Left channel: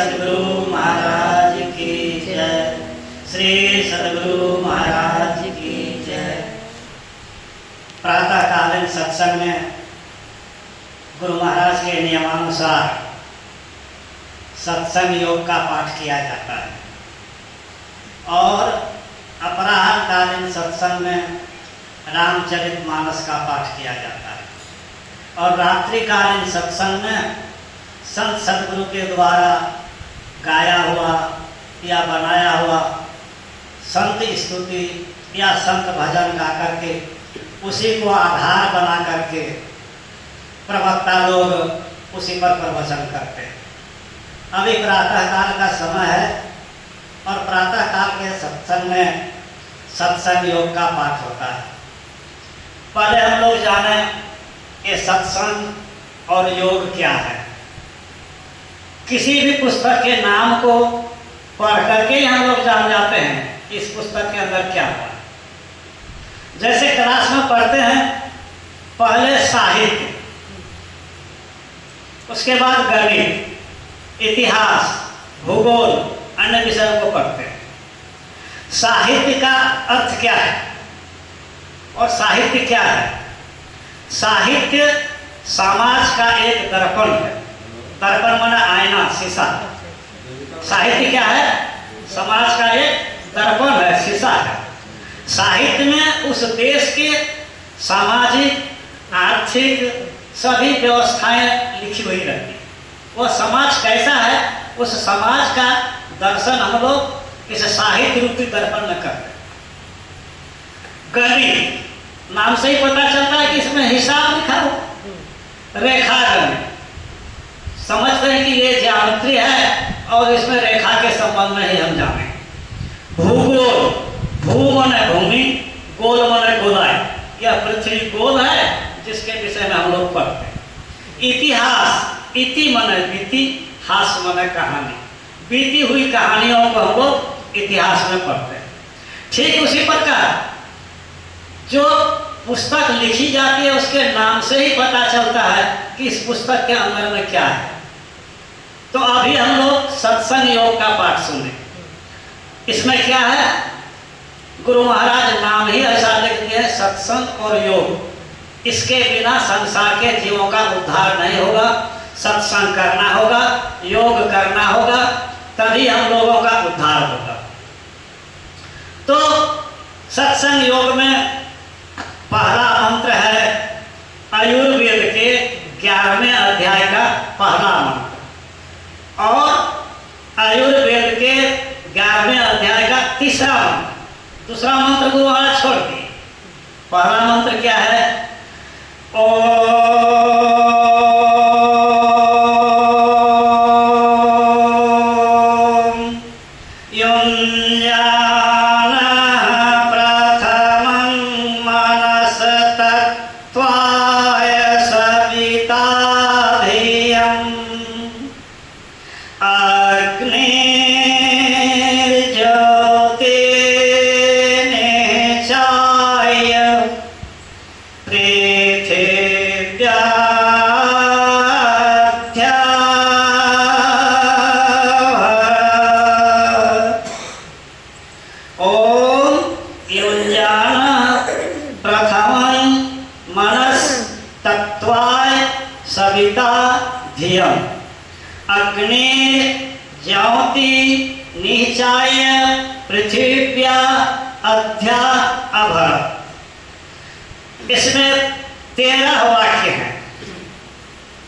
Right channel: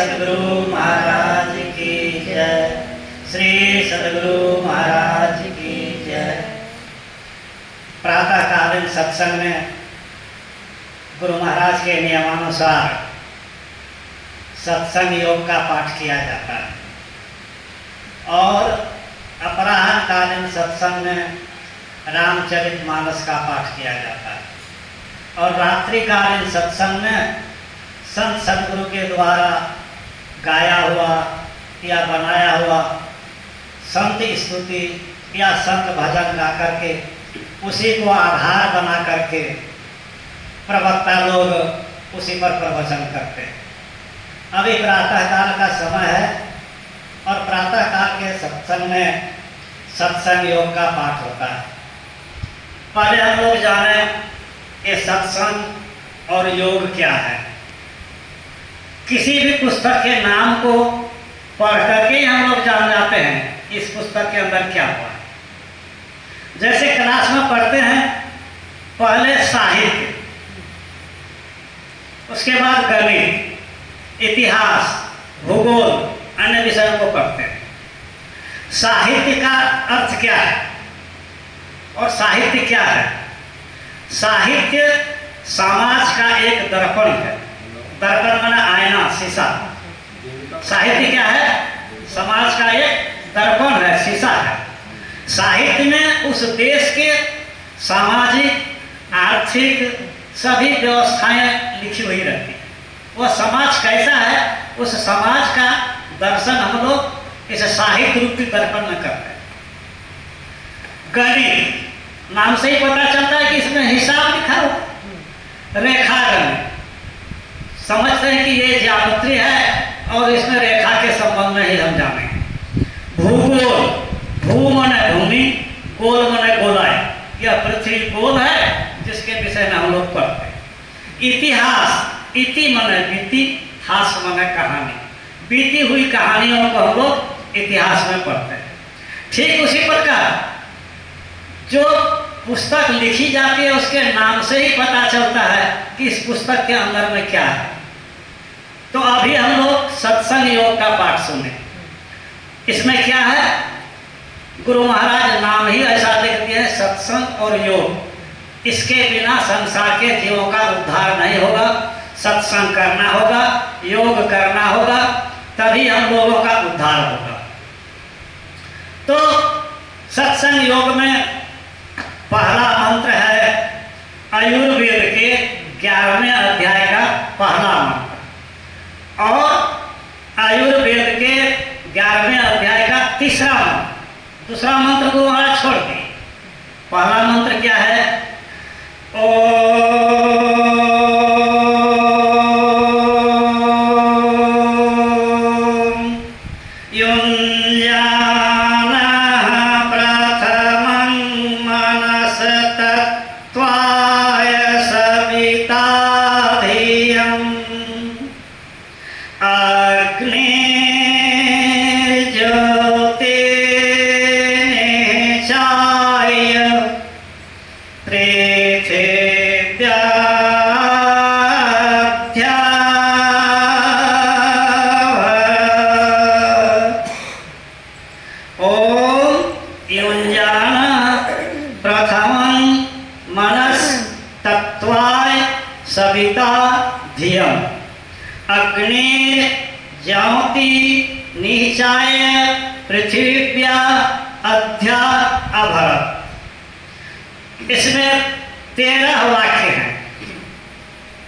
सद्गुरु महाराज की जय। श्री सद्गुरु महाराज की जय। प्रातःकालीन सत्संग में गुरु महाराज के नियमानुसार सत्संग योग का पाठ किया जाता है और अपराह्नकालीन सत्संग में रामचरितमानस का पाठ किया जाता है और रात्रिकालीन सत्संग में संत सद्गुरु के द्वारा गाया हुआ या बनाया हुआ संत स्तुति या संत भजन गा करके उसी को आधार बना करके प्रवक्ता लोग उसी पर प्रवचन करते हैं। अभी प्रातःकाल का समय है और प्रातःकाल के सत्संग में सत्संग योग का पाठ होता है। पहले हम लोग जाने ये सत्संग और योग क्या है। किसी भी पुस्तक के नाम को पढ़ करके ही हम लोग जान जाते हैं इस पुस्तक के अंदर क्या हुआ है। जैसे क्लास में पढ़ते हैं पहले साहित्य, उसके बाद गणित, इतिहास, भूगोल, अन्य विषयों को पढ़ते हैं। साहित्य का अर्थ क्या है और साहित्य क्या है? साहित्य समाज का एक दर्पण है। दर्पण माना आईना, शीशा। साहित्य क्या है? समाज का एक दर्पण है, शीशा है। साहित्य में उस देश के सामाजिक, आर्थिक सभी व्यवस्थाएं लिखी हुई रहती। वह समाज कैसा है उस समाज का दर्शन हम लोग इस साहित्य रूपी दर्पण में करते हैं। गणित नाम से ही पता चलता है कि इसमें हिसाब लिखा हो। रेखा गणित समझते हैं कि ये ज्यामिति है और इसमें रेखा के संबंध में ही हम जानेंगे। भूगोल, भू माने भूमि, गोल माने गोलाई, यह पृथ्वी गोल है जिसके विषय में हम लोग पढ़ते हैं। इतिहास, इति माने बीती, हास माने कहानी, बीती हुई कहानियों को हम लोग इतिहास में पढ़ते हैं। ठीक उसी प्रकार जो पुस्तक लिखी जाती है उसके नाम से ही पता चलता है कि इस पुस्तक के अंदर में क्या है। तो अभी हम लोग सत्संग योग का पाठ सुने। इसमें क्या है? गुरु महाराज नाम ही ऐसा लिख दिए, सत्संग और योग। इसके बिना संसार के जीवों का उद्धार नहीं होगा। सत्संग करना होगा, योग करना होगा, तभी हम लोगों का उद्धार होगा। तो सत्संग योग में पहला मंत्र है आयुर्वेद के 11वें अध्याय का पहला मंत्र और आयुर्वेद के 11वें अध्याय का तीसरा मंत्र। दूसरा मंत्र को वहां छोड़ दी। पहला मंत्र क्या है? ज्योति निचाय पृथ्व्या अध्या अभरत। इसमें 13 वाक्य हैं।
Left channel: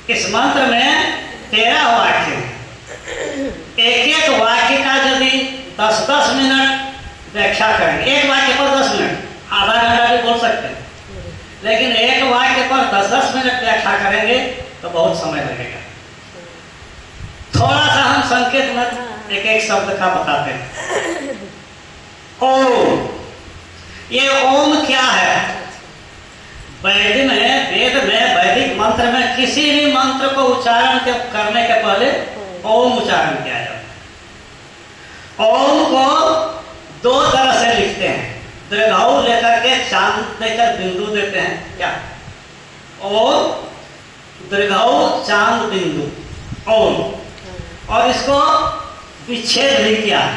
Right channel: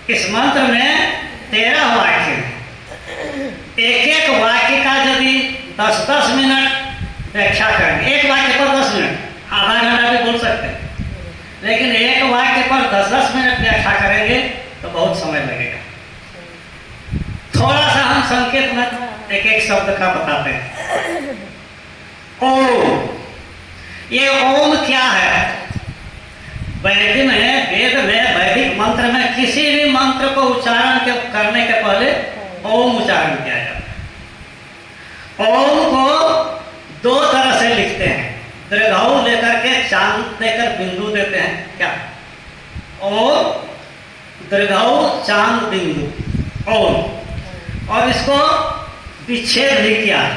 इस मंत्र में 13 वाक्य हैं। एक एक वाक्य का यदि 10-10 मिनट व्याख्या करेंगे, एक वाक्य पर 10 मिनट, आधा घंटा भी बोल सकते हैं, लेकिन एक वाक्य पर 10-10 मिनट व्याख्या करेंगे तो बहुत समय लगेगा। थोड़ा सा हम संकेत में एक एक शब्द का बताते हैं। ओम, ये ओम क्या है? वेद में वैदिक मंत्र में किसी भी मंत्र को उच्चारण करने के पहले ओम उच्चारण किया जाता है। ओम को 2 तरह से लिखते हैं। दीर्घऊ लेकर के चांद लेकर बिंदु देते हैं। क्या? ओम दीर्घऊ चांद बिंदु ओम। और इसको विच्छेद भी किया है।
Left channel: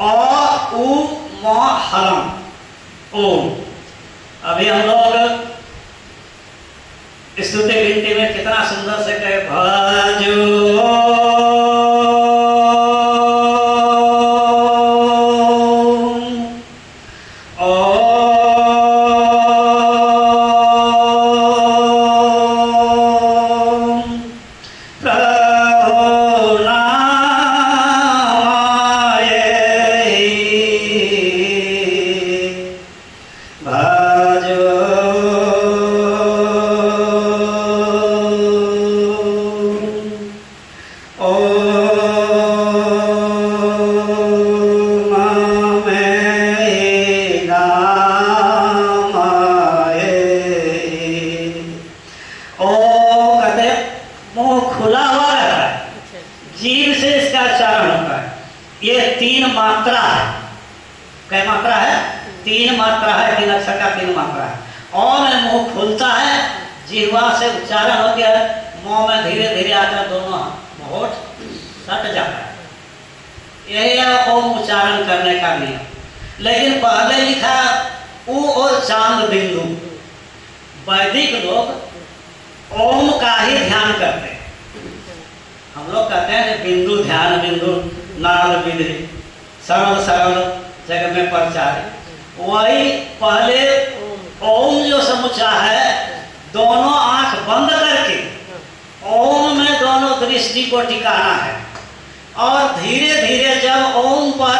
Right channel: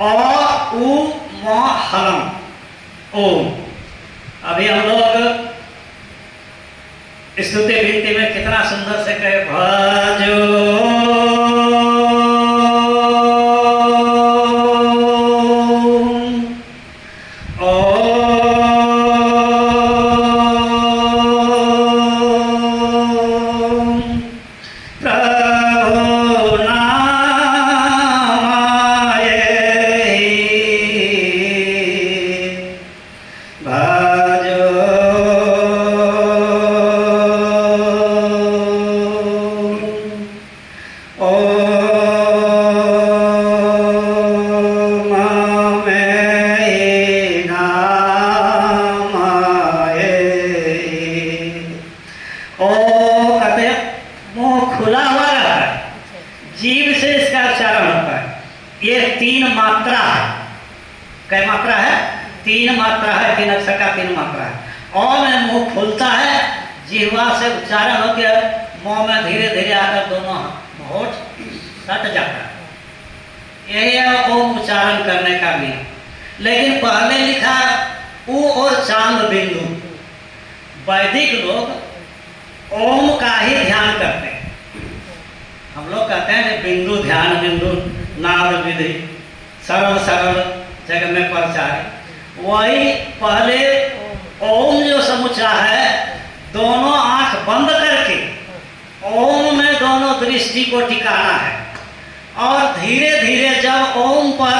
अ उ म हलम ओम। अभी हम लोग स्तुति गिनती में कितना सुंदर से कहे भजो उच्चारण हो गया, मुंह में धीरे धीरे आकर दोनों होठ सट जाता है। यही है ओम उच्चारण करने का नियम। लेकिन पहले लिखा उ और चांद बिंदु। वैदिक लोग ओम का ही ध्यान करते हैं। हम लोग कहते हैं बिंदु ध्यान, बिंदु नाद विधि, सरल सरल जग में प्रचार। वही पहले ओम जो समुच्चा है, दोनों आंख बंद करके ओम में दोनों दृष्टि को टिकाना है। और धीरे धीरे जब ओम पर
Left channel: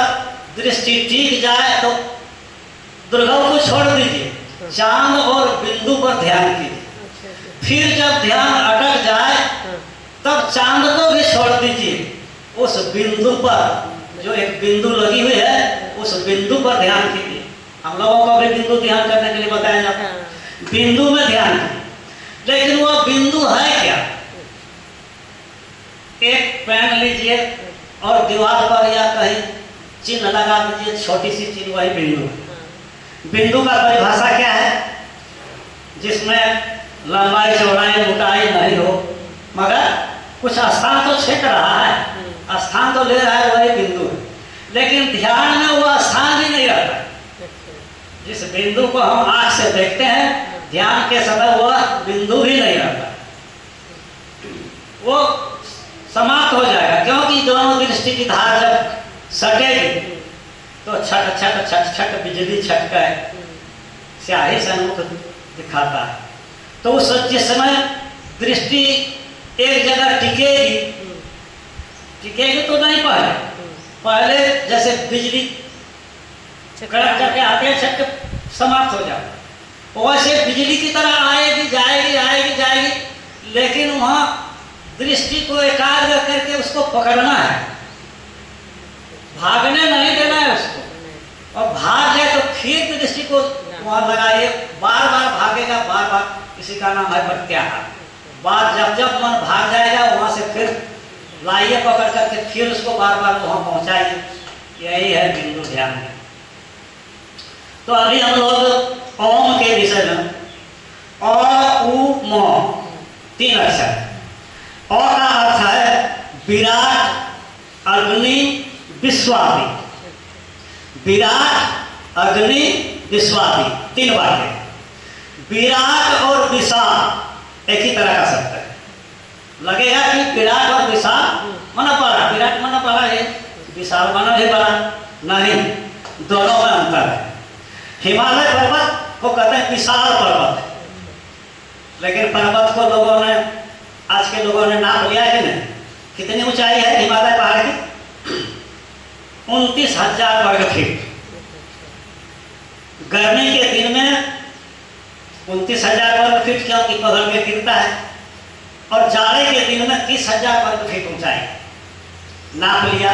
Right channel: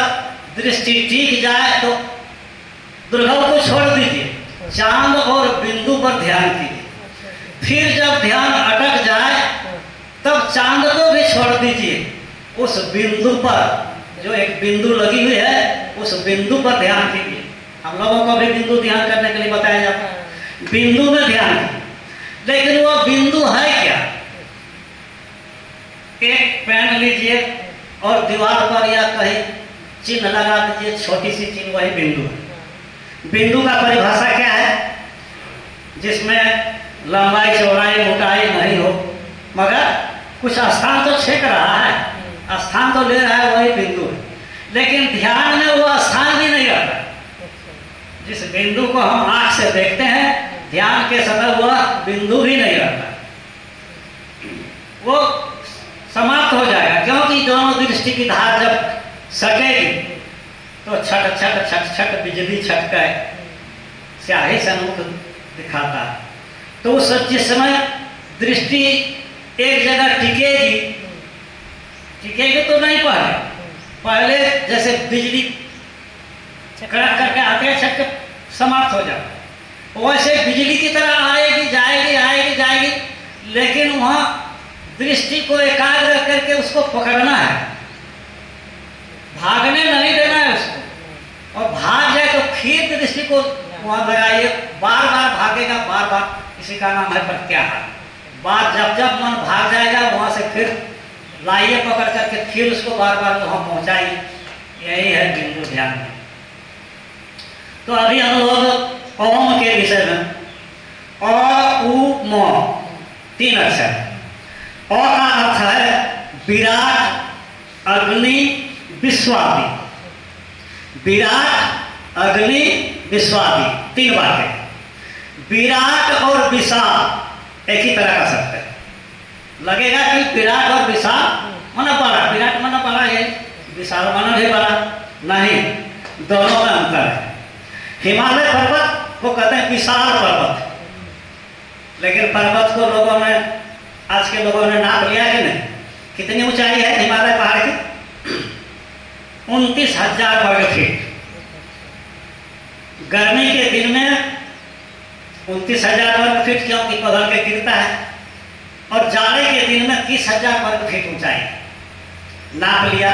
दृष्टि टिक जाए तो दुर्गव को छोड़ दीजिए, चांद और बिंदु पर ध्यान कीजिए। फिर जब ध्यान अटक जाए तब चांद को भी छोड़ दीजिए, उस बिंदु पर जो एक बिंदु लगी हुई है उस बिंदु पर ध्यान कीजिए। हम लोगों को भी बिंदु ध्यान करने के लिए बताया जाता है, बिंदु में ध्यान कीजिए। लेकिन वो बिंदु है क्या? एक पेन लीजिए और दीवार पर या कहीं चिन्ह लगा दीजिए, छोटी सी चिन्ह, वही बिंदु है। बिंदु का परिभाषा क्या है? जिसमें लंबाई चौड़ाई मोटाई नहीं हो, मगर कुछ स्थान तो छेक रहा है, स्थान तो ले रहा है, वही बिंदु है। लेकिन ध्यान में वो स्थान भी नहीं रहता। जिस बिंदु को हम आंख से देखते हैं, ध्यान के समय वह बिंदु भी नहीं रहता, वो समाप्त हो जाएगा। क्योंकि दोनों दृष्टि की धार जब सटेगी तो छट छट छट छट बिजली छटका स्याही सन्मुख दिखाता है। तो उस जिस समय दृष्टि एक जगह टिकेगी, टिकेगी तो नहीं, पहले जैसे बिजली कड़क करके आते हैं, छट के समाप्त हो जाता है, वैसे बिजली की तरह आएगी जाएगी आएगी जाएगी। लेकिन वहां दृष्टि को एकाग्र करके उसको पकड़ना है, भागने नहीं देना है उसको। और भाग जाए तो फिर दृष्टि को वहां लगाइए, बार बार भागेगा, बार बार, इसी का नाम है प्रत्याहार। बार जब जब मन भाग जाएगा वहां से फिर लाइए पकड़ करके, फिर उसको बार बार वहां पहुंचाइए। यही है बिंदु ध्यान। तो अभी हम लोग ओम के विषय में, अ उ म 3 अक्षर। अ का अर्थ है विराट, अग्नि, विश्वादि। विराट, अग्नि, विश्वादि 3 बातें। विराट और विशाल एक ही तरह का शब्द है। लगेगा कि विराट और विशाल माना बड़ा, विराट माना बड़ा है, विशाल माना भी बड़ा नहीं, दोनों में अंतर है। हिमालय पर्वत को कहते हैं विशाल पर्वत, लेकिन पर्वत को लोगों ने, आज के लोगों ने नाप लिया कि नहीं, कितनी ऊंचाई है हिमालय पहाड़ की? 29,000 वर्ग फीट। गर्मी के दिन में 29,000 वर्ग फीट क्योंकि पगल के गिरता है, और जाड़े के दिन में 30,000 वर्ग फीट ऊंचाई नाप लिया।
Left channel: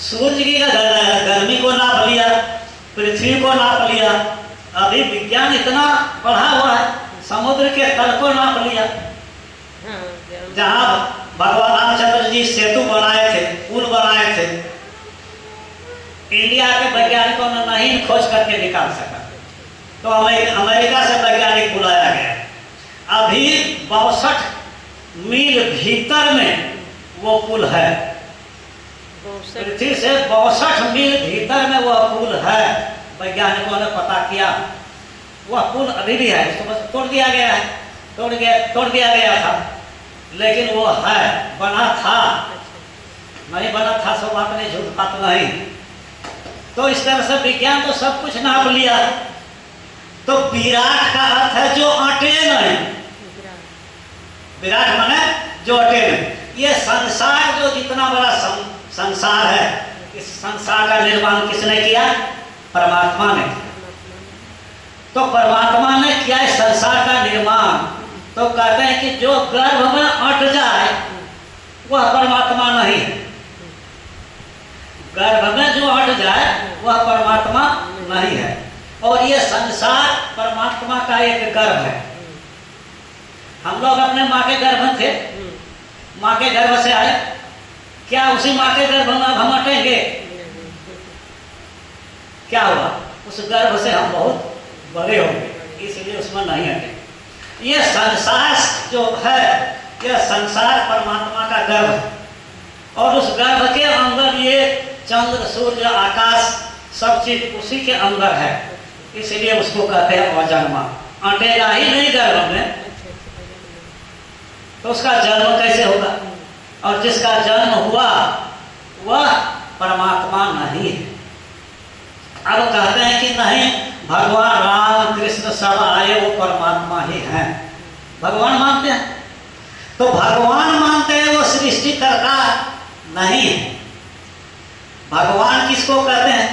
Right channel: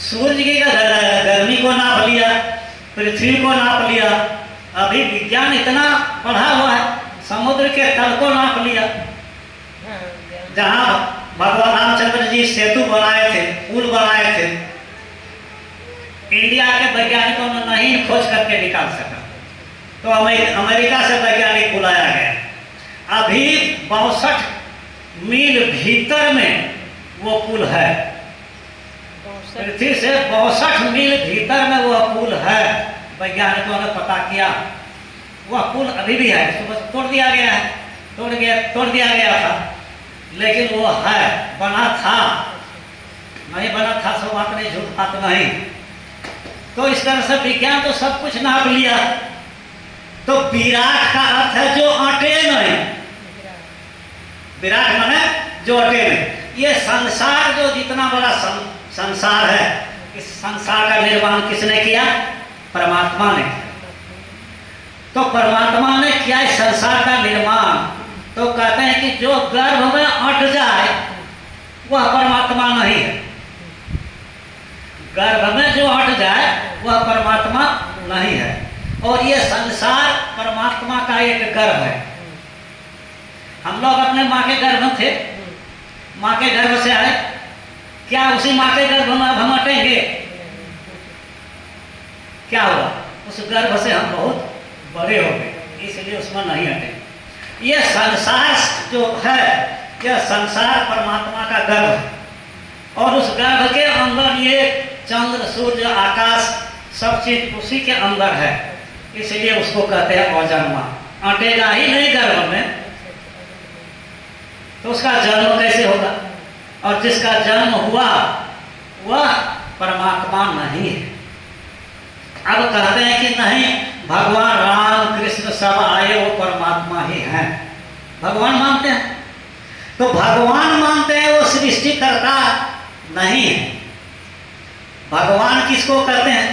सूर्य की गर्मी को नाप लिया, पृथ्वी को नाप लिया। अभी विज्ञान इतना बढ़ा हुआ है, समुद्र के तल को नाप लिया। जहां भगवान रामचंद्र जी सेतु बनाए थे, पुल बनाए थे, इंडिया के वैज्ञानिकों ने नहीं खोज करके निकाल सका, तो अमेरिका से वैज्ञानिक बुलाया गया। अभी 62 मील भीतर में वो पुल है। पृथ्वी से 62 मील भीतर में वह पुल है। वैज्ञानिकों ने पता किया वह पुल अभी भी है, इसको बस तोड़ दिया गया है, तोड़ दिया गया था, लेकिन वो है, बना था, नहीं बना था सो बात नहीं, झूठ बात नहीं। तो इस तरह से विज्ञान तो सब कुछ नाप लिया। तो विराट का अर्थ है जो अटे नहीं, विराट माने जो अटे नहीं। ये संसार जो जितना बड़ा संसार है, इस संसार का निर्माण किसने किया? परमात्मा ने। तो परमात्मा ने किया इस संसार का निर्माण। तो कहते हैं कि जो गर्भ में अट जाए वह परमात्मा नहीं है। गर्भ में जो अट जाए वह परमात्मा नहीं है। और ये संसार परमात्मा का एक गर्भ है। हम लोग अपने माँ के गर्भ में थे, माँ के गर्भ से आए, क्या उसी माँ के गर्भ में हम अटेंगे? क्या हुआ? उस गर्भ से हम बहुत बड़े हो गए, इसलिए उसमें नहीं अटेंगे। ये संसार जो है, यह संसार परमात्मा का गर्भ है। और उस गर्भ के अंदर ये चंद्र, सूर्य, आकाश सब चीज उसी के अंदर है, इसलिए उसको कहते हैं अजन्मा। अटेगा ही नहीं गर्भ में तो उसका जन्म कैसे होगा? और जिसका जन्म हुआ वह परमात्मा नहीं है। अब कहते हैं कि नहीं, भगवान राम कृष्ण सब आए वो परमात्मा ही हैं, भगवान मानते हैं। तो भगवान मानते हैं वो सृष्टिकर्ता नहीं है। भगवान किसको कहते हैं?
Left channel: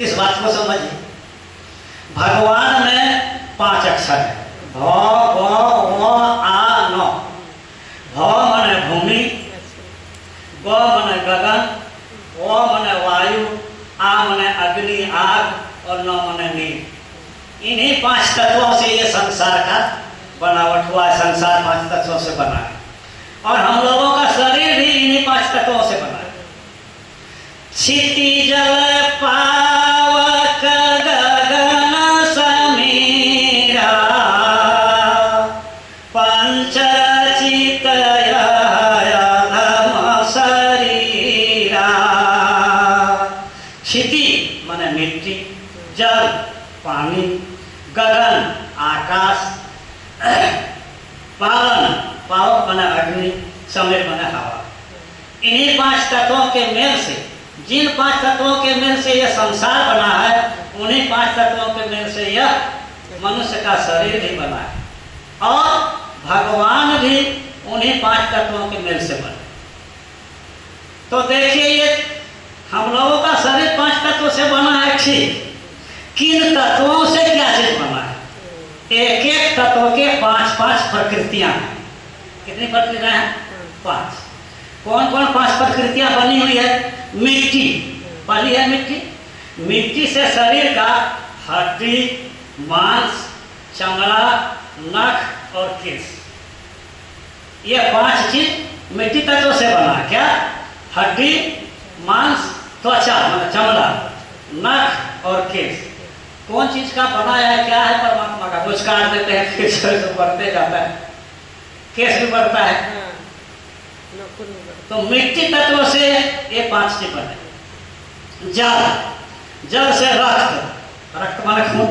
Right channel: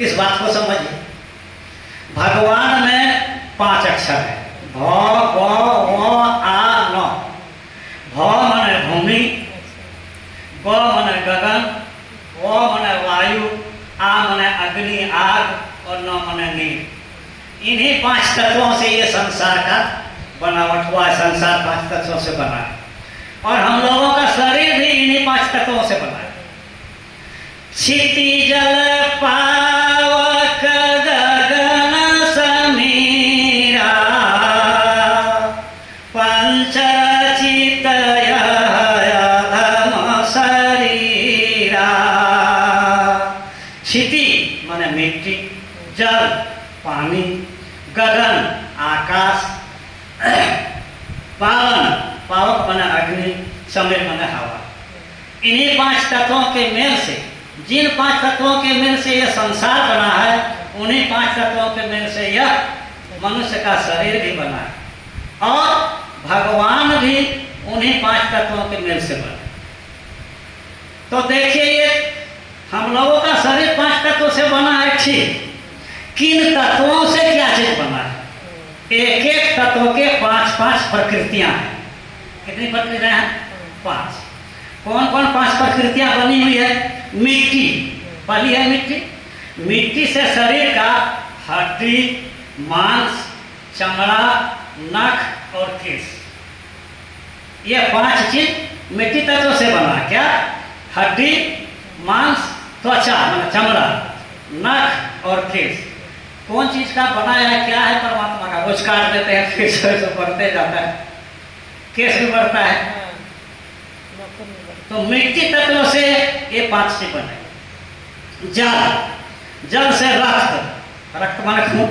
इस बात को समझिए। भगवान में 5 अक्षर है, भ, ग, व, आ, न। भ माने भूमि, ग माने गगन, व माने वायु, आ माने अग्नि आग और न माने नील। इन्हीं 5 तत्वों से ये संसार का बनावट हुआ है। संसार 5 तत्वों से बना है और हम लोगों का शरीर भी इन्हीं 5 तत्वों से बना है। क्षिति जल पावक गगन समीरा पंचरचित अधम शरीरा। क्षिति माने मिट्टी, जल पानी, गगन आकाश, पावक माने अग्नि, समीर माने हवा। इन्हीं 5 तत्वों के मेल से, जिन 5 तत्वों के मेल से यह संसार बना है, उन्हीं 5 तत्वों के मेल से यह मनुष्य का शरीर भी बना है और भगवान भी उन्हीं 5 तत्वों के मेल से बने। तो देखिए, ये हम लोगों का शरीर 5 तत्वों से बना है, ठीक। किन तत्वों से क्या चीज बना है? एक एक तत्व के 5-5 प्रकृतियां हैं। कितनी प्रकृतियां हैं? 5। कौन कौन 5 प्रकृतियां बनी हुई है? मिट्टी, पहली है मिट्टी। मिट्टी से शरीर का हड्डी, मांस, चमड़ा, नख और केश, ये 5 चीज मिट्टी तत्व से बना है। क्या? हड्डी, मांस, त्वचा मतलब चमड़ा, नख और केश। कौन चीज का बना है? क्या है? परमात्मा का। कुछ काट देते हैं फिर से बढ़ते जाता है, केश भी बढ़ता है। तो मिट्टी तत्व से ये 5 चीज बने। जल, जल से रक्त, रक्त माने खून।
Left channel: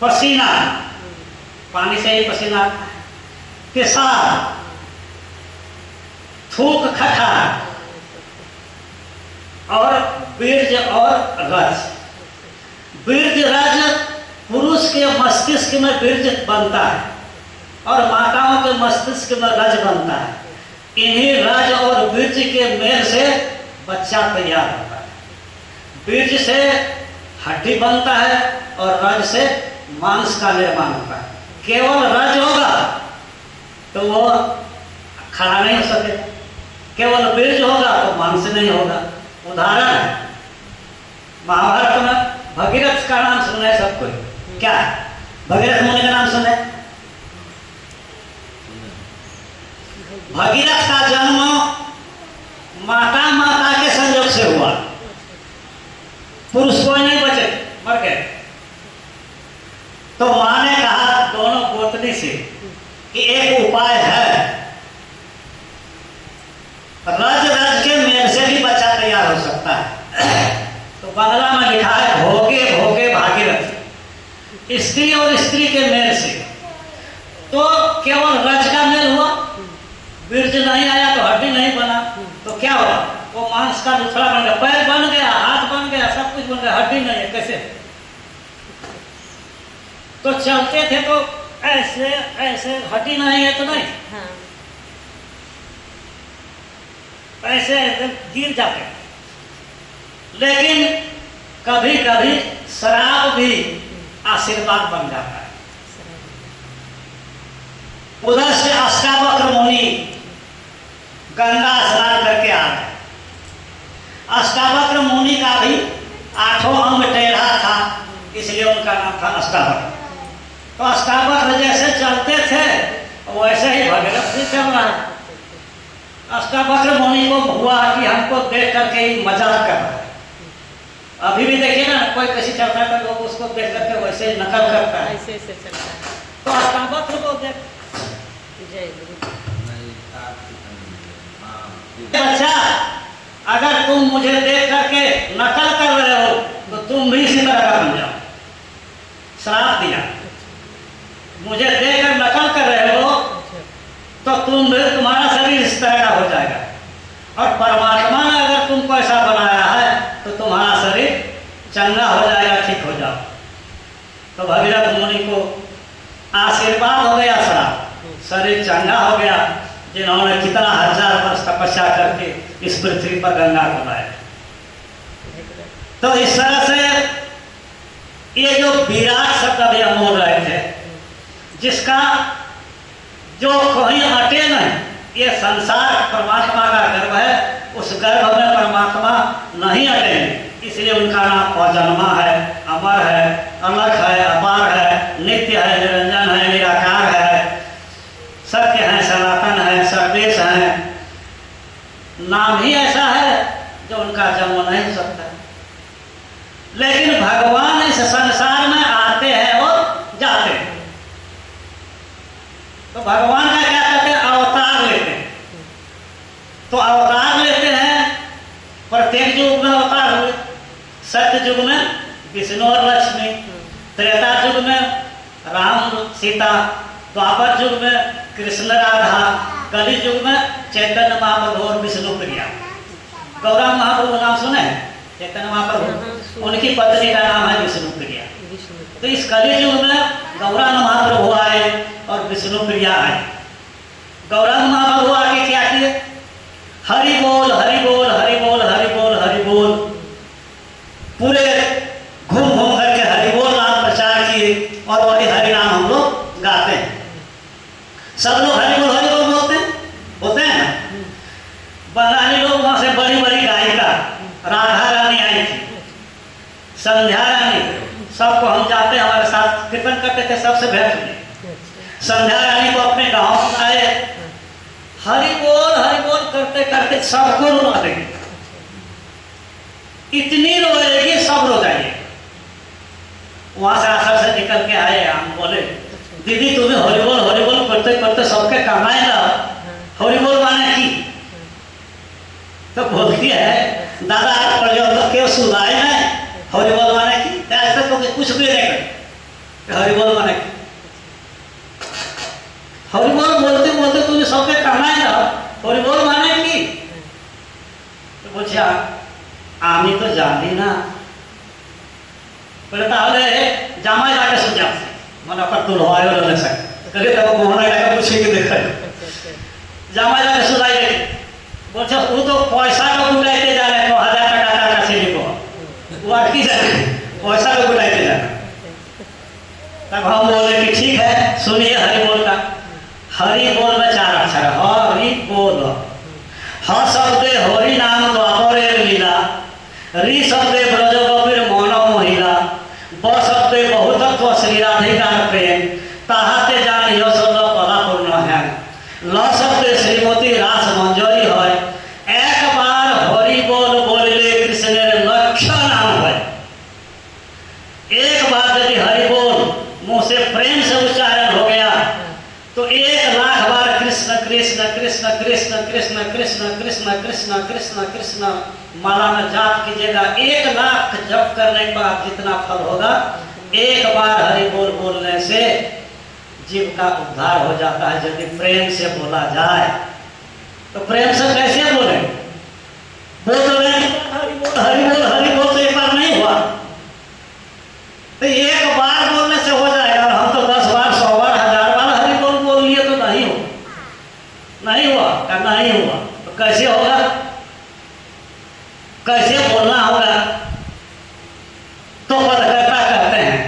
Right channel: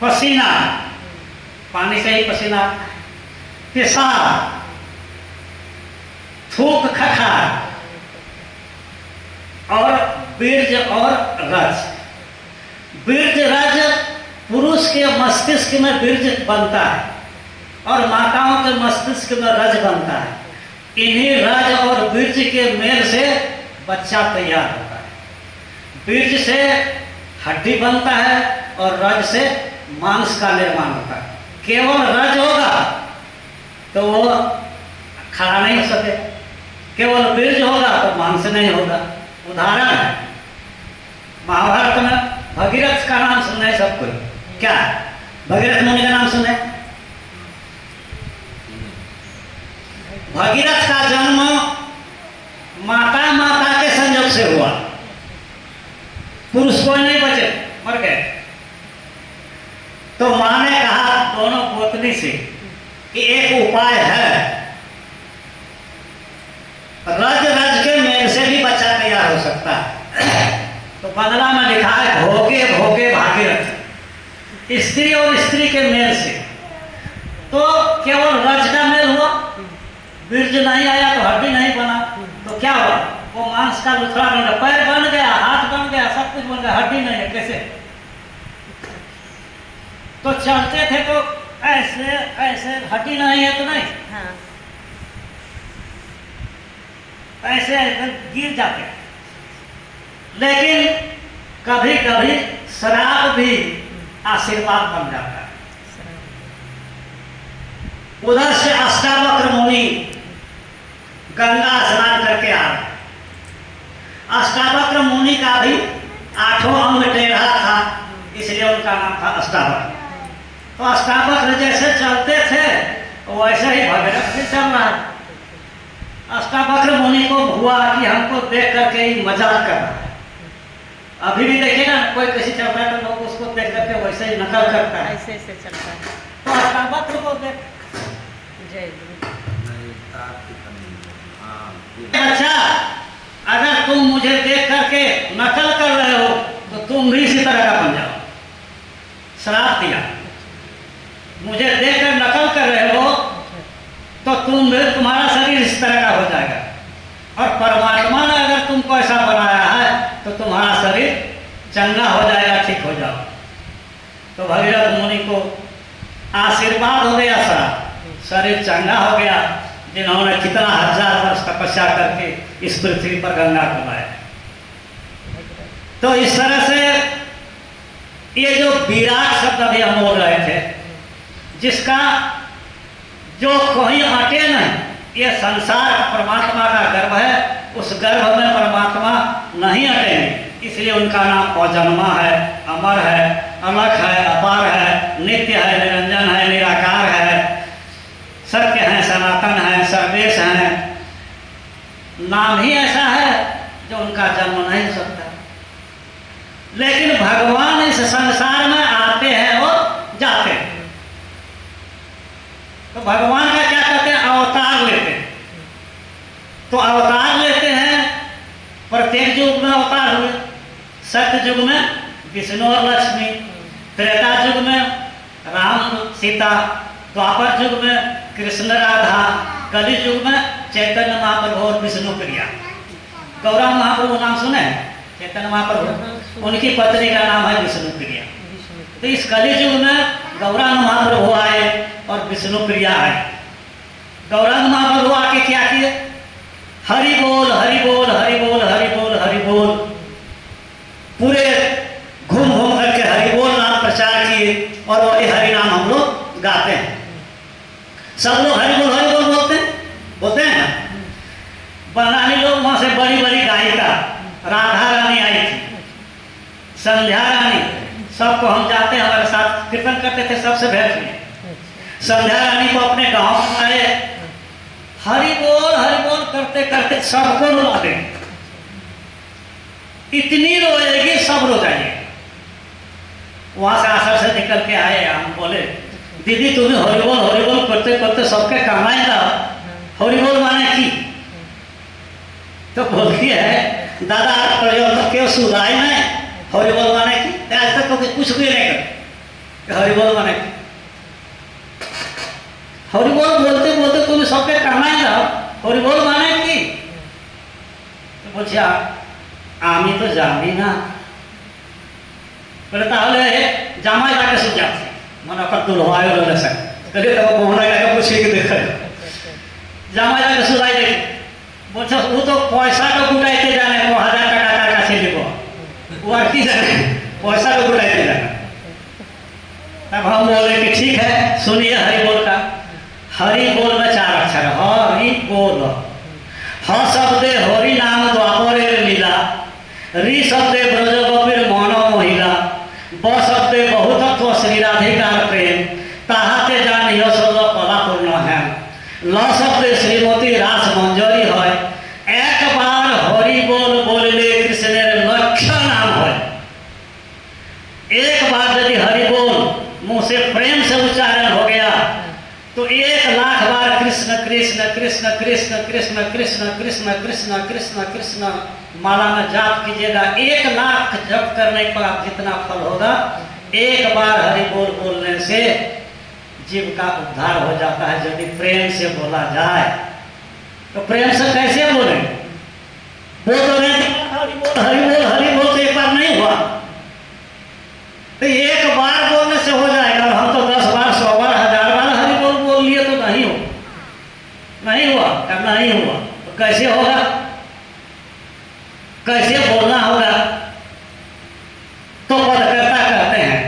पसीना, पानी से ही पसीना आता है। पेशाब, थूक खखार और बीर्ज और रज। बीर्ज रज, पुरुष के मस्तिष्क में बीर्ज बनता है और माताओं के मस्तिष्क में रज बनता है। इन्हीं रज और बीर्ज के मेल से बच्चा तैयार होता है। बीर्ज से हड्डी बनता है और रज से मांस का निर्माण होता है। केवल रज होगा तो वो खड़ा नहीं हो सके, केवल बीर्ज होगा तो मांस नहीं होगा। उदाहरण है, महाभारत में भगीरथ का नाम सुने सब कोई? क्या भगीरथ मुनि का नाम सुने? भगीरथ का जन्म माता के संयोग से हुआ। पुरुष कोई नहीं बचे, मर गए। तो माँ ने कहा दोनों गोतनी से कि एक उपाय है, लिखा है भोगे भोगे भागीरथी, स्त्री और स्त्री के मेल से। तो केवल रज का मेल हुआ, बीर्ज नहीं आया तो हड्डी नहीं बना, तो क्या हुआ? वो मांस का लुथड़ा बन गया, पैर बन गया, हाथ बन गया, सब कुछ बन गया, हड्डी नहीं है, कैसे? तो चलते थे तो ऐसे ऐसे, हड्डी नहीं है तो नहीं, हाँ। ऐसे ऐसे गिर जाते। लेकिन कभी कभी शराब भी आशीर्वाद बन जाता है। उधर से अष्टावक्र मुनि गंगा स्नान करके आ रहे। अष्टावक्र मुनि का भी 8 अंग टेढ़ा था, इसलिए उनका नाम था अष्टावक्र। तो अष्टावक्र जैसे चलते थे वैसे ही भगीरथ भी चल रहा है। अष्टावक्र मुनि को हुआ कि हमको देख करके ही मजाक कर रहा है। अभी भी देखिए ना, कोई कैसे चलता है तो लोग उसको देख करके वैसे ही नकल करता है, ऐसे ऐसे चलता है। तो अष्टावक्र को देख, जय गुरु। बच्चा अगर तुम मुझे देख करके नकल कर रहे हो तो तुम भी इसी तरह का बन जाओ। श्राप दिया, मुझे देखकर नकल कर रहे हो तो तुम्हारा शरीर इस तरह का हो जाएगा, और परमात्मा ने अगर तुमको ऐसा बनाया है तो तुम्हारा शरीर चंगा हो जाएगा, ठीक हो जाओ। तो भगीरथ मुनि को आशीर्वाद हो गया, शरीर चंगा हो गया, जिन्होंने कितना 1000 वर्ष तपस्या करके इस पृथ्वी पर गंगा को लाया। तो इस तरह से ये जो विराट शब्द अभी हम बोल रहे थे, जिसका जो कोई अटे नहीं, ये संसार परमात्मा का गर्भ है, उस गर्भ में परमात्मा नहीं अटेंगे, इसलिए उनका नाम अजन्मा है, अमर है, अलग है, अपार है, नित्य है, निरंजन है, निराकार है, सत्य है, सनातन है, सर्वेश है। नाम ही ऐसा है जो उनका जन्म नहीं हो सकता। लेकिन भगवान इस संसार में आते हैं और जाते हैं। तो भगवान का क्या कहते हैं? अवतार लेते हैं। तो अवतार लेते हैं, प्रत्येक युग में अवतार हुए। सत्य युग में विष्णु और लक्ष्मी, त्रेता युग में राम सीता, द्वापर युग में कृष्ण राधा, कलि युग में चैतन्य महाप्रभु और विष्णु प्रिया। गौरांग महाप्रभु नाम सुने हैं? चैतन्य महाप्रभु, उनकी पत्नी का नाम है विष्णु प्रिया। तो इस कलि युग में गौरांग महाप्रभु आए और विष्णु प्रिया आए। गौरांग महाप्रभु आके क्या किए? हरि बोल हरि बोल हरि बोल हरि बोल हरि बोल, पूरे घूम घूम करके हरि बोल नाम प्रचार किए, और वही हरि नाम हम लोग गाते हैं। सब लोग हरि बोल बोलते हैं ना। बंगाली लोग वहां से बड़ी बड़ी गायिका राधा रानी आई थी, संध्या रानी, सबको हम जाते हैं, हमारे साथ कीर्तन करते थे, सबसे भेंट हुई। संध्या रानी को अपने गांव में आए, हरि बोल करते करते सबको रुला देंगे, इतनी रोएगी सब रो जाएगी। वहां से आसर से निकल के आए, हम बोले दीदी तुम्हें हरिबोल करते करते सबके कमाए ना, हरिबोल माने की? तो बोलती है दादा आज पर्यंत क्यों सुधाई में हरिबोल माने की? आज तक तो कुछ भी नहीं कर, हरिबोल माने की? हरिबोल बोलते बोलते तुम्हें सबके कमाए ना, हरिबोल माने की? तो बोलছে আমি তো জানি না। বলে তাহলে জামাই লাগে সুজাছে মানে ওর দুলহায় হলো না স্যার, কলে তো মোহনা লাগে পুছে के देखा জামাই লাগে সুজাই দেখে বলছে ও তো পয়সা তো গুটাইতে জানে, 1000 টাকা তার কাছে দিব, ও আর কি জানে পয়সা तो गुटाइते जाना। तब हम बोले कि ठीक है सुनिए हरि बोल का। हरि बोल में 4 अक्षर, हरि बोल। ह शब्दे हरि नाम द्वापरे लीला, रि शब्दे ब्रज गोपीर मन महिला, ब शब्दे बहुतत्व श्री राधिकार प्रेम, ताहाते जानियो सब पदापूर्ण है, ल शब्दे श्रीमती रास मंजरी है, एक बार हरि बोल बोलले कृष्णेर लक्ष्य नाम है। एक बार यदि हरि बोल मुंह से प्रेम से उच्चारण हो गया तो 1 लाख बार कृष्ण कृष्ण कृष्ण कृष्ण कृष्ण कृष्ण कृष्ण कृष्ण कृष्ण कृष्ण माला में जाप कीजिएगा, 1 लाख जप करने पर आप जितना फल होगा, एक बार हरि बोल बोलने से जीव का उद्धार हो जाता है। यदि प्रेम से बोला जाए तो प्रेम से कैसे बोले? बोल तो रहे हरि बोल तो एक बार नहीं हुआ, तो एक बार बोलने से हो जाएगा। और हम तो 10 बार 100 बार 1000 बार हरि बोल बोल लिए तो नहीं हो, नहीं हुआ, करना नहीं हुआ, तो कैसे होगा? कैसे बोलना होगा? तो पदकर्ता कहते हैं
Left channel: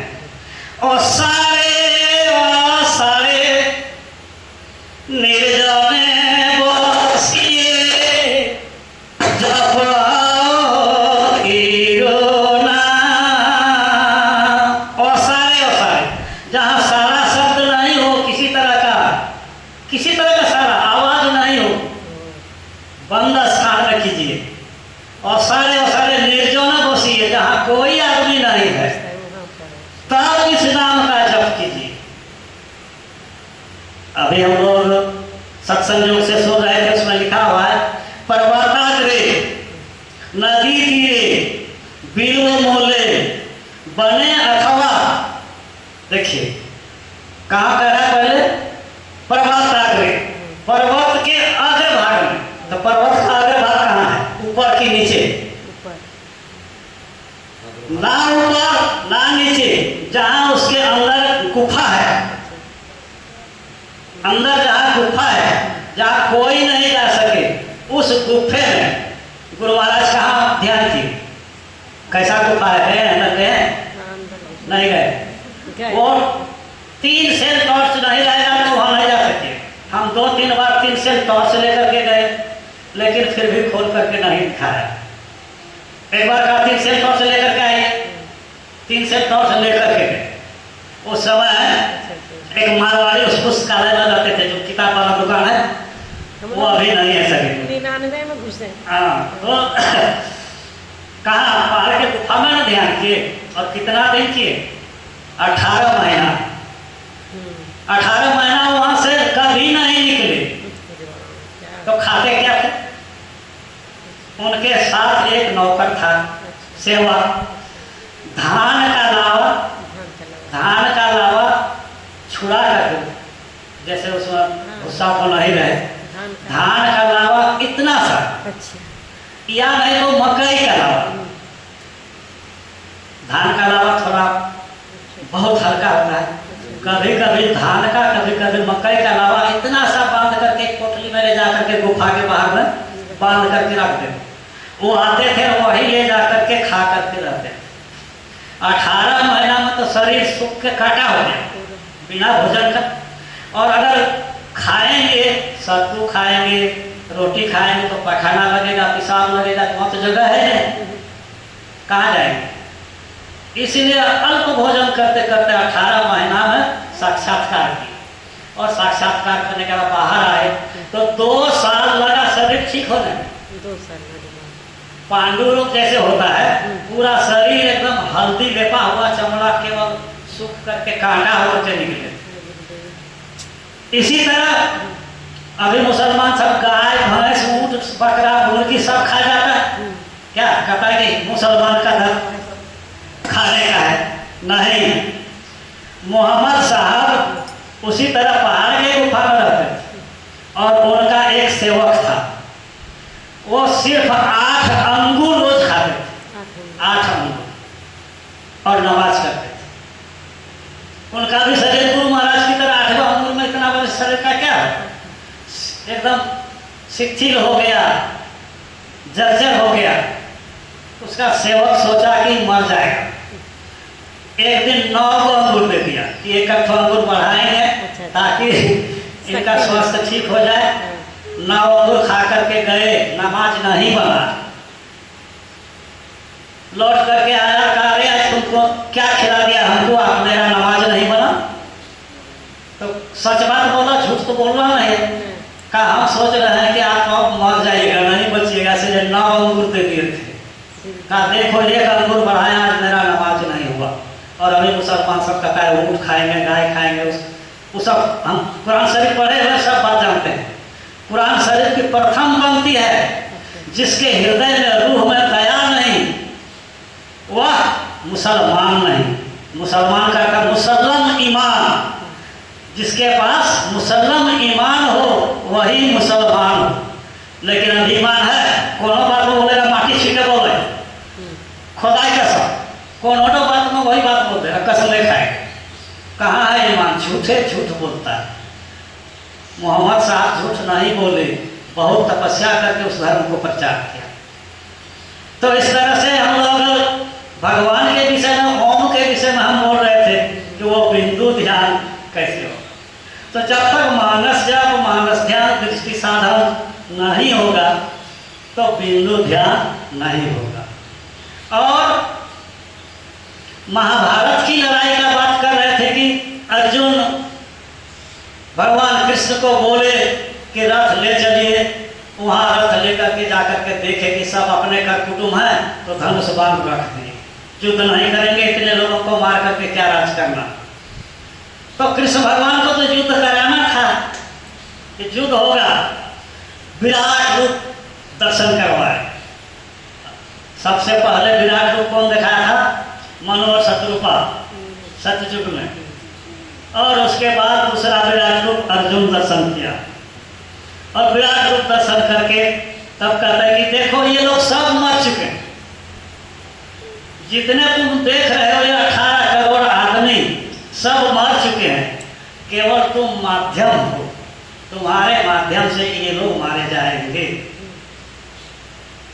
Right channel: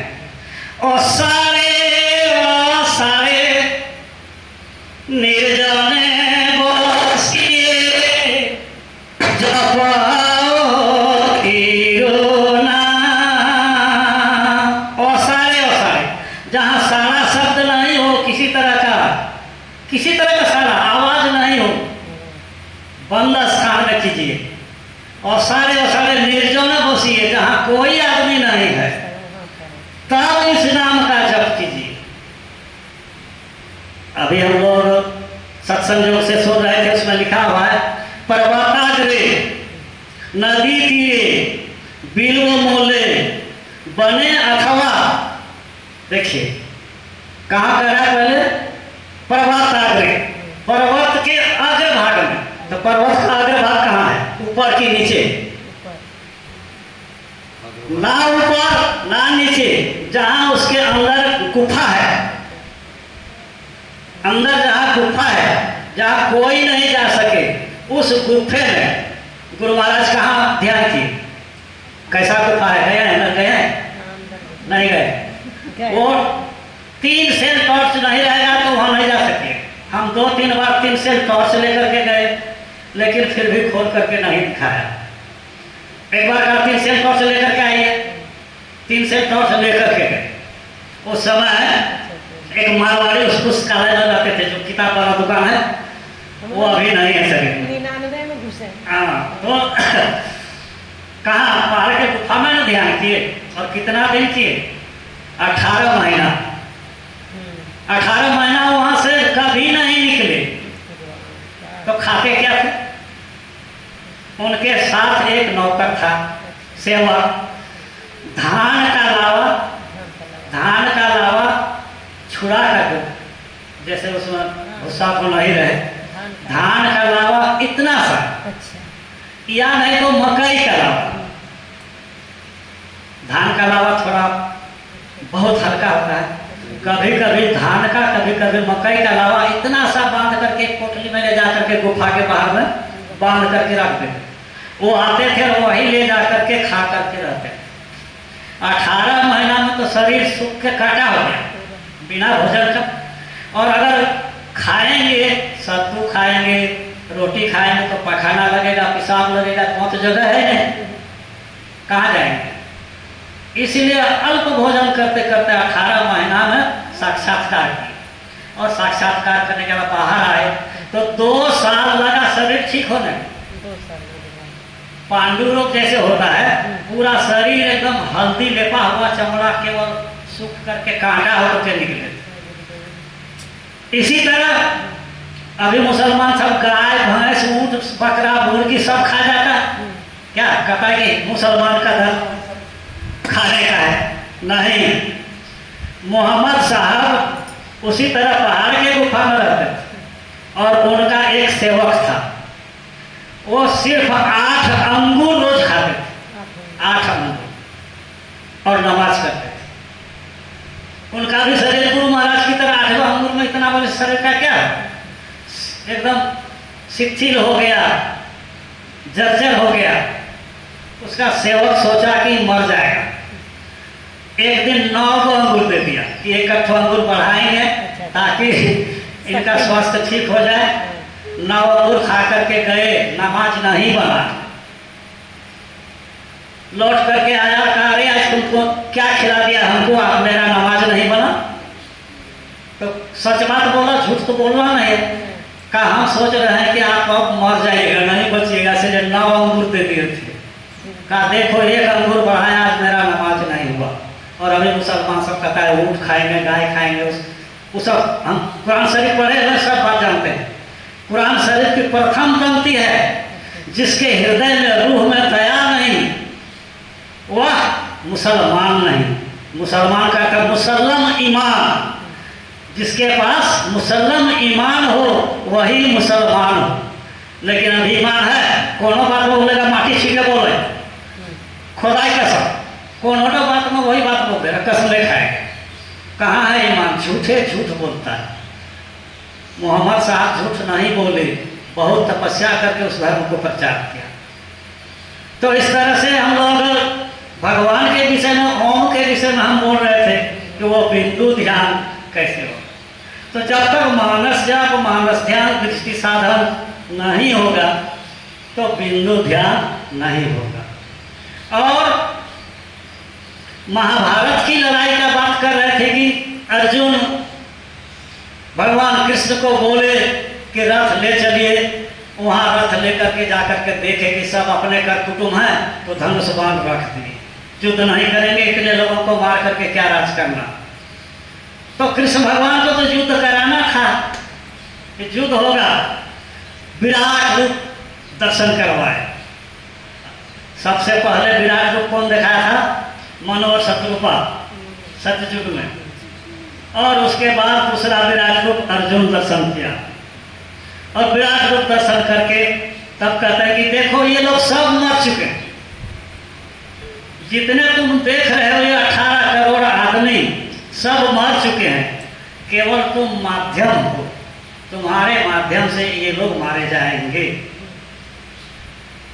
और सारे निर्जने बसिए जपो ईरोना। और सारे जहाँ सारा शब्द नहीं हो, किसी तरह का सारा आवाज नहीं हो, बंद स्थान में कीजिए। और सारे निर्जन बसिए, जहाँ कोई आदमी नहीं है, तब इस नाम का जप कीजिए। अभी हम लोग सत्संग से सुन रहे थे, उसमें लिखा हुआ है पर्वताग्रे नदी तीरे बिल्व मोले बने अथवा। देखिए कहाँ कह रहा है? पहले पर्वताग्रे, पर्वत के अग्र भाग में। तो पर्वत का अग्र भाग कहाँ है? ऊपर की नीचे? ना ऊपर ना नीचे, जहाँ उसके अंदर गुफा है, अंदर जहाँ गुफा है, जहाँ कोई नहीं जा सके, उस गुफे में गुरु महाराज कहाँ ध्यान किए? कैसा गुफा है? गए हैं? न गए? नहीं गए। वो 3 सेल टॉर्च नहीं रहेगा तो वहाँ नहीं जा सके। हम 2-3 बार 3 सेल टॉर्च लेकर के गए, लेकिन फिर भी खोल करके नहीं दिखाया। एक बार कहा 3 सेल टॉर्च लेकर के आइए, 3 सेल टॉर्च लेकर के गए। उस समय एक मारवाड़ी उस पुस्तकालय में जाते थे, जो किताब वाला दुकान है, वो अभी नहीं है सके। हाँ, तो कहाँ? पहाड़ के गुफा में न ध्यान किए। और कितना दिन किए? 18 महीना। 18 महीना वहां से कभी नहीं निकले। तो खाते क्या थे? उनके साथ एक नौकर था, सेवा। धान का लावा छुड़ा कर, जैसे उसमें भूसा तो नहीं रहे, धान का लावा इतना सा, या नहीं तो मकई का लावा। धान का लावा थोड़ा बहुत हल्का होता है, कभी कभी धान का, कभी कभी मकई का लावा इतना सा बांध करके पोटली में ले जा करके गुफा के बाहर में बांध करके रख दे। वो आते थे, वही ले जा करके खा करके रहते। 18 महीना में तो शरीर सूख के काटा हो गया बिना भोजन का। और अगर खाएंगे, सत्तू खाएंगे, रोटी खाएंगे तो पखाना लगेगा, पेशाब लगेगा, तो वहाँ तो जगह है नहीं, कहाँ जाएंगे? इसलिए अल्प भोजन करते करते 18 महीना में साक्षात्कार की। और साक्षात्कार करने के बाद बाहर आए तो 2 साल लगा शरीर ठीक होने में। पांडु रोग जैसे होता है, पूरा शरीर एकदम हल्दी लेपा हुआ, चमड़ा केवल सूख करके कांटा होकर निकले। इसी तरह अभी मुसलमान सब गाय भैंस ऊंट बकरा मुर्गी सब खा जाता है। क्या कहता है कि मुसलमान का धर्म खाने का है? नहीं। मोहम्मद साहब उसी तरह पहाड़ के गुफा में रहते थे, और उनका एक सेवक था, वो सिर्फ 8 अंगूर रोज खाते थे, 8 अंगूर, और नमाज करते थे। उनका भी शरीर गुरु महाराज की तरह 8वां अंगूर में इतना बड़े शरीर का क्या है, एकदम शिथिल हो गया, जर्जर हो गया। उसका सेवक सोचा कि मर जाएगा। एक दिन 9 अंगूर दे दिया कि 1 अंगूर बढ़ाएंगे ताकि इनका स्वास्थ्य ठीक हो जाए। 9 अंगूर खा करके गए, नमाज नहीं बना। लौट करके आया, कहा अरे आज तुमको क्या खिला दिया हमको, आप मेरा नमाज नहीं बना? तो सच बात बोला, झूठ तो बोलना नहीं। कहा हम सोच रहे हैं कि आप अब मर जाइएगा, नहीं बचिएगा, इसलिए 9 अंगूर दे दिए थे। कहा देखो 1 अंगूर बढ़ाया, आज मेरा नमाज नहीं हुआ। और अभी मुसलमान सब कहता है ऊँट खाएंगे, गाय खाएंगे, वो सब हम कुरान शरीफ पढ़े हुए सब बात जानते हैं। कुरान शरीफ की प्रथम पंक्ति है, जिसके हृदय में रूह में दया नहीं वह मुसलमान नहीं। मुसलमान का अर्थ मुसल्लम ईमान, जिसके पास मुसल्लम ईमान हो वही मुसलमान हो। लेकिन अब ईमान है, कोनो बात में बोलेगा माटी छीके बोले, खुदाई कसम, कोनो बात में वही बात बोलते हैं, कसम नहीं खाएगा। कहाँ है ईमान? झूठे झूठ बोलता है। मोहम्मद साहब झूठ नहीं बोले, बहुत तपस्या करके उस धर्म को प्रचार किया। तो इस तरह से हम लोग भगवान के विषय में, ओम के विषय में हम बोल रहे थे कि वो बिंदु ध्यान कैसे हो। तो जब तक मानस जप, मानस ध्यान, दृष्टि साधन नहीं होगा तो बिंदु ध्यान नहीं होगा। और महाभारत की लड़ाई का बात कर रहे थे कि अर्जुन भगवान कृष्ण को बोले कि रथ ले चलिए, वहाँ रथ लेकर के जाकर के देखे कि सब अपने कर कुटुंब हैं, तो धनुष बांध रख दिए, युद्ध नहीं करेंगे, इतने लोगों को मार करके क्या राज करना। तो कृष्ण भगवान को तो युद्ध कराना था कि युद्ध होगा, विराट रूप दर्शन करवाए। सबसे पहले विराट रूप कौन दिखाया था? मनोहर शत्रुपा सत्ययुग में, और उसके बाद दूसरा विराट रूप अर्जुन दर्शन किया। और विराट रूप दर्शन करके तब कहता है कि देखो ये लोग सब मर चुके हैं, जितने तुम देख रहे हो ये 18 करोड़ आदमी सब मर चुके हैं, केवल तुम माध्यम हो, तुम्हारे माध्यम से ये लोग मारे जाएंगे।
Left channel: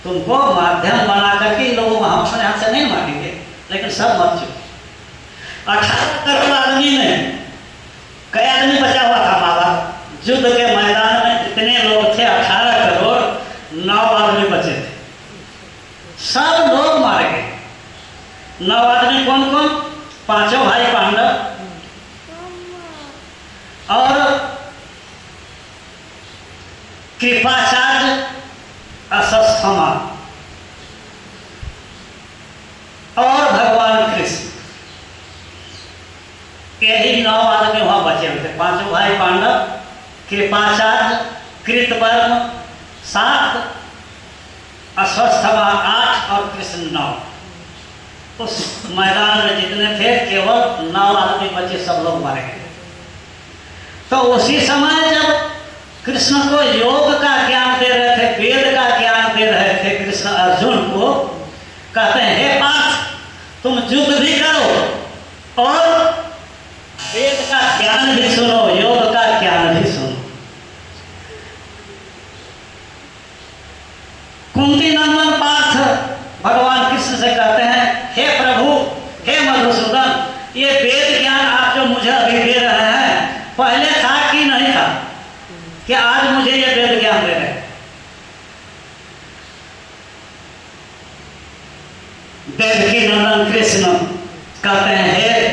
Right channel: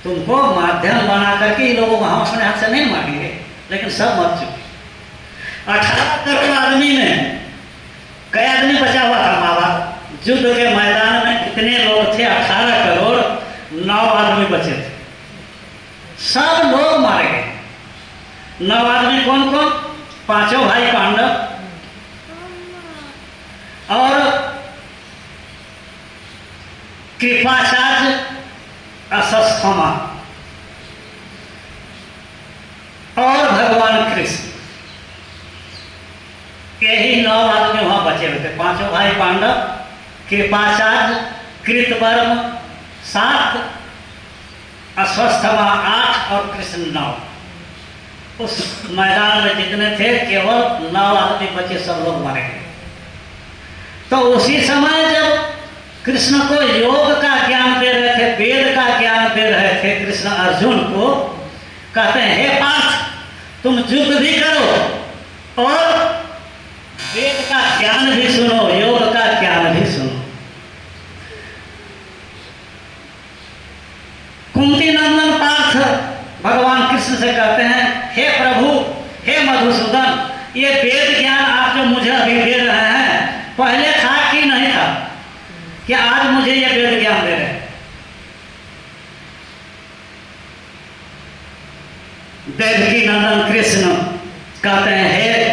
तुमको माध्यम बना करके ये लोगों को हम अपने हाथ से नहीं मारेंगे, लेकिन सब मर चुके। 18 करोड़ आदमी में कई आदमी बचा हुआ था? बाबा युद्ध के मैदान में कितने लोग थे? 18 करोड़ 9 आदमी बचे थे, सब लोग मारे गए। 9 आदमी कौन कौन? 5 भाई पांडव और कृपाचार्य अश्वत्थामा और भगवान कृष्ण, यही 9 आदमी वहां बचे हुए थे। 5 भाई पांडव, कृपाचार्य, कृतवर्म 7, अश्वत्थामा 8 और कृष्ण 9। उस मैदान में जितने थे केवल 9 आदमी बचे, सब लोग मारे गए। तो उसी समय जब कृष्ण को योग का ज्ञान दे रहे थे, वेद का ज्ञान दे रहे थे कृष्ण अर्जुन को, कहते हैं हे पार्थ तुम युद्ध भी करो और वेद का ज्ञान भी सुनो, योग का ज्ञान भी सुनो। कुंती नंदन पार्थ भगवान कृष्ण से कहते हैं हे प्रभु, हे मधुसूदन, ये वेद ज्ञान आप जो मुझे अभी दे रहे हैं पहले था कि नहीं था? कि आज मुझे ये वेद ज्ञान दे रहे हैं? देवकी नंदन कृष्ण कहते हैं हे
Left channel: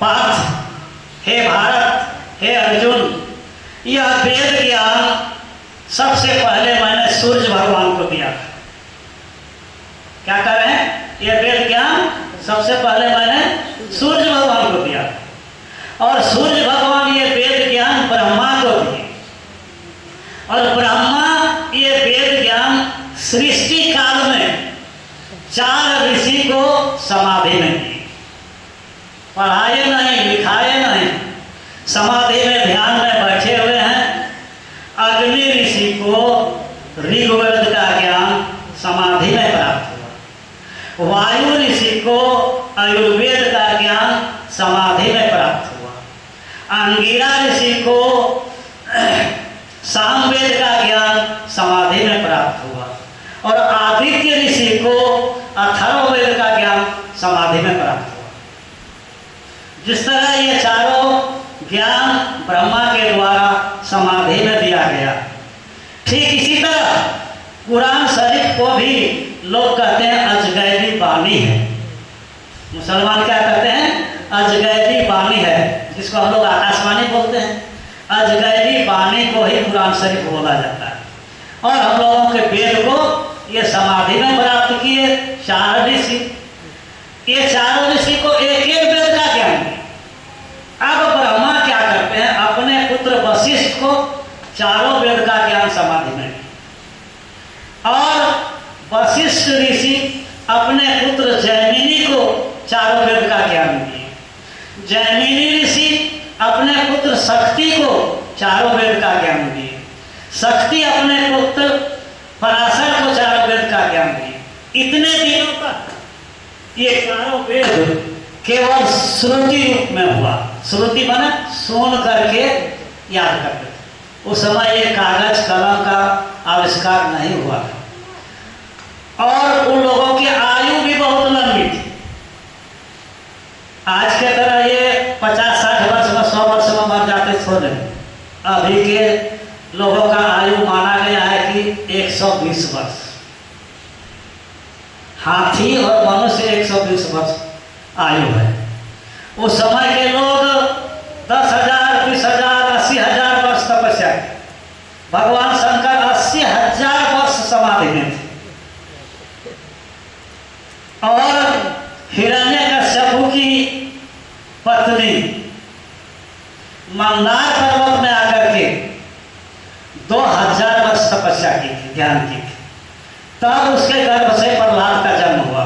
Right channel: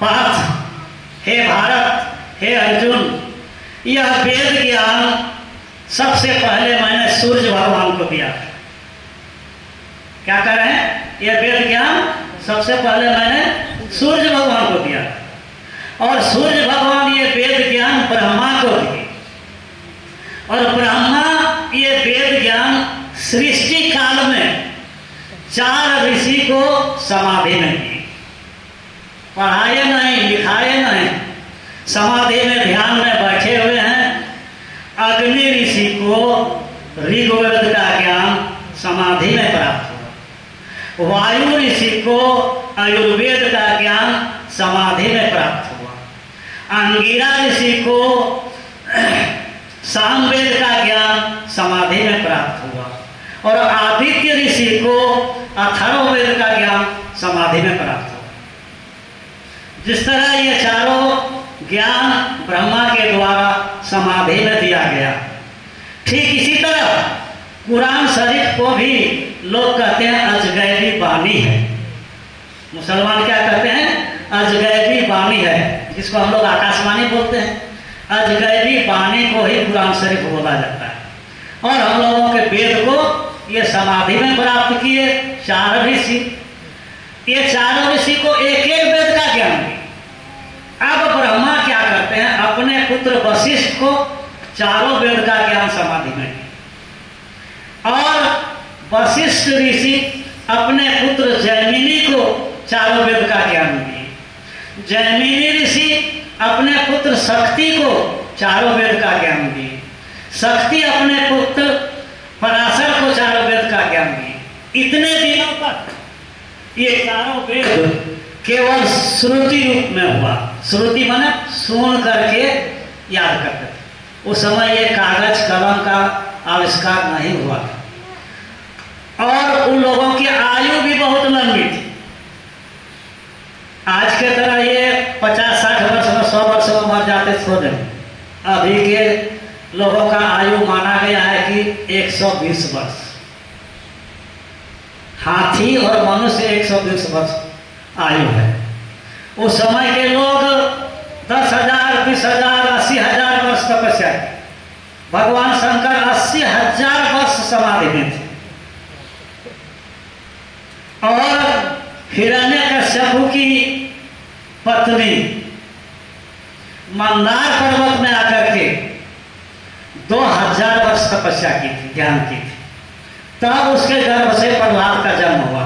पार्थ, हे भारत, हे अर्जुन, यह वेद ज्ञान सबसे पहले मैंने सूर्य भगवान को दिया। क्या कर रहे हैं? यह वेद ज्ञान सबसे पहले मैंने सूर्य भगवान को दिया, और सूर्य भगवान ये वेद ज्ञान ब्रह्मा को दिए, और ब्रह्मा ये वेद ज्ञान सृष्टि काल में 4 ऋषि को समाधि में दिए। पढ़ाए नहीं, लिखाए नहीं, समाधि में ध्यान में बैठे हुए हैं। अग्नि ऋषि को ऋग्वेद का ज्ञान समाधि में प्राप्त हुआ, वायु ऋषि को आयुर्वेद का ज्ञान समाधि में प्राप्त हुआ, अंगिरा ऋषि को सामवेद का ज्ञान समाधि में प्राप्त हुआ, और आदित्य ऋषि को अथर्ववेद का ज्ञान समाधि में प्राप्त हुआ। जिस तरह ये चारों ज्ञान ब्रह्मा के द्वारा समाधि में दिया गया, ठीक इसी तरह कुरान शरीफ को भी लोग कहते हैं अजगैबी बानी है। मुसलमान क्या कहते हैं? अजगैबी बानी है, जिसको हम लोग आकाशवाणी बोलते हैं। अजगैबी बानी को ही कुरान शरीफ बोला जाता है। और हम लोगों के वेद को ये समाधि में प्राप्त किए 4 ऋषि। ये 4 ऋषि को एक एक वेद का ज्ञान दिया। अब ब्रह्मा क्या करते हैं? अपने पुत्र वशिष्ठ को चारों वेद का ज्ञान समाधि में किया। और वशिष्ठ ऋषि अपने पुत्र जैमिनी को चारों वेद का ज्ञान दिए। जैमिनी ऋषि अपने पुत्र शक्ति को चारों वेद का ज्ञान दिए। शक्ति अपने पुत्र पराशर को चारों वेद का ज्ञान दिए। इतने दिनों तक ये चारों वेद केवल श्रुति रूप में हुआ। श्रुति माने सुन करके याद करते थे। उस समय ये कागज कलम का आविष्कार नहीं हुआ था। और उन लोगों की आयु भी बहुत लंबी थी। आज के तरह ये 50-60 वर्ष में 100 वर्ष में मर जाते थोड़े। अभी के लोगों का आयु माना गया है कि 120 वर्ष। हाथी और मनुष्य 120 वर्ष आयु है। उस समय के लोग 10,000, 20,000, 80,000 वर्ष तपस्या की। भगवान शंकर 80,000 वर्ष समाधि में थे। और हिरण्यकश्यप की पत्नी मंदार पर्वत में आकर के 2000 वर्ष तपस्या की थी, ध्यान की थी। तब उसके गर्भ से प्रहलाद का जन्म हुआ।